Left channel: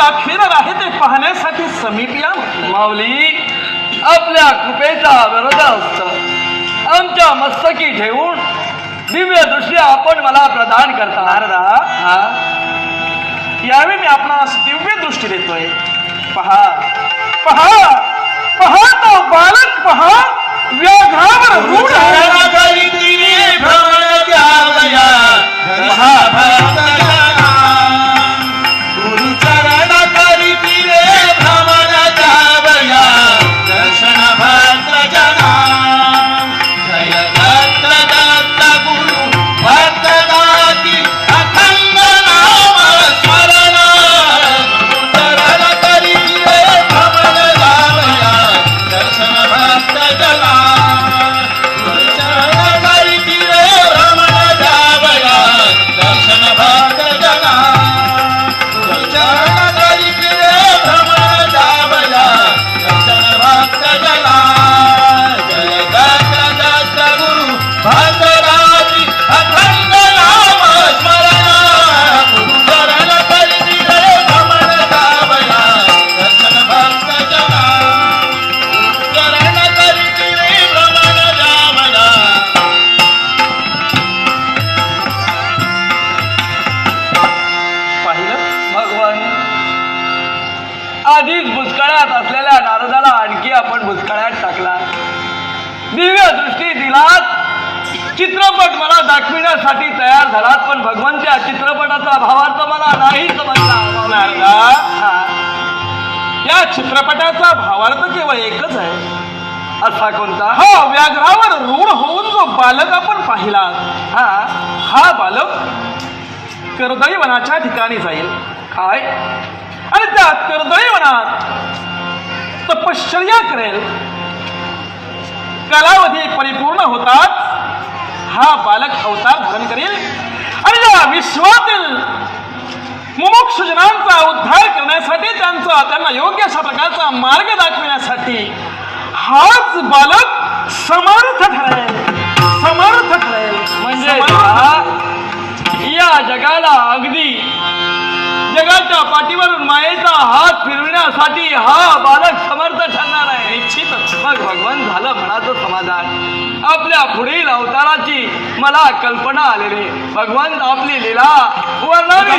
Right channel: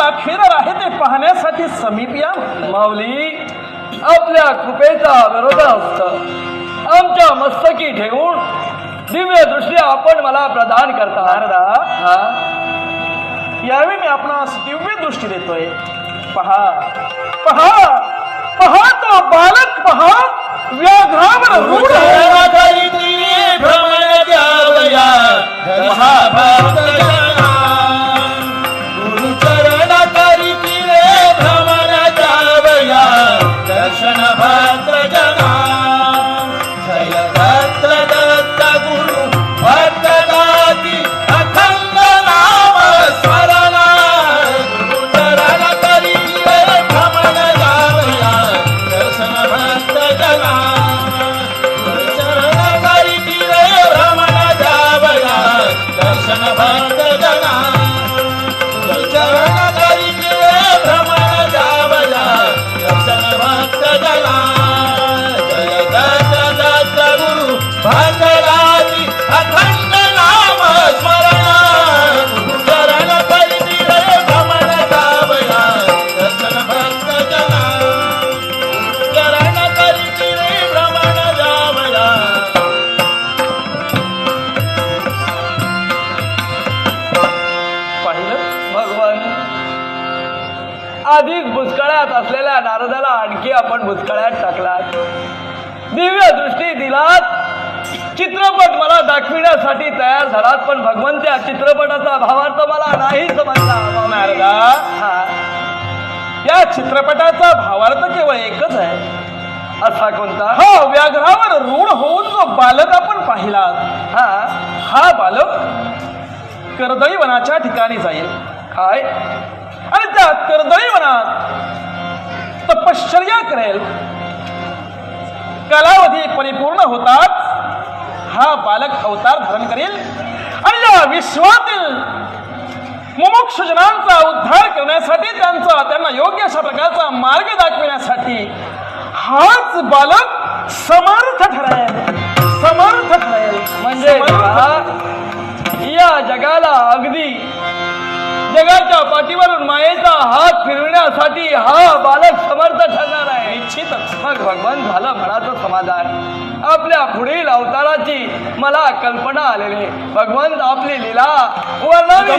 अखेर आहे ते पाहण्यासाठी समीप या. माऊली, आपल्या कृपेचा विरोध असत आमच्या मस्तकी ठेवून दिव्य दृष्टी आपण मला प्रदान करता. नारदा, यावेळी मी आपणास दिव्य दृष्टी देतोय. पहा पहा पहा तो बालक, पहा व्याघ्रावर रूढ आधीच भुसकाळ्यात असलेल्या नारदाला आणखी आपण भुसकाळ्यात टाकलात. दिव्य दृष्टी दिलात, चित्रपट मला दाखविण्यासाठी तयार झालात, पण भगवंत त्या चित्रपटाचा भावार्थ मला नाही समजला. नारदा, या चित्रपटाचा भावार्थ केवळ एकच आहे. असा कोणता? हा व्याघ्रावर रूढ होऊन जो बालक आपण पाहिला, हा बालक कर्दळी वनाच्या ठिकाणी जाईल. काय? आणि त्या कर्दळी वनात तपश्चर्या करेल. कालावधी परिपूर्ण होताच हा बालक अवतार धारण करेल आणि या विश्वातील मुमुक्ष जनांचा उद्धार करण्यासाठी, त्यांना योग्य अशा प्रकारचा मार्ग दाखविण्यासाठी हाच बालक समर्थ ठरेल. समर्थ ठरेल म्हणजे या जगाला अगदी जगाच्या पाठीवरून मायेचा हात फिरवण्यासाठी हा बालक समर्थ ठरणार आहे. निश्चितच. मग भगवान झालं म्हणाचं समाधान. आपल्या पुढील अवताराची मला कल्पना आलेली. भगवान आपली लीला वर्णावी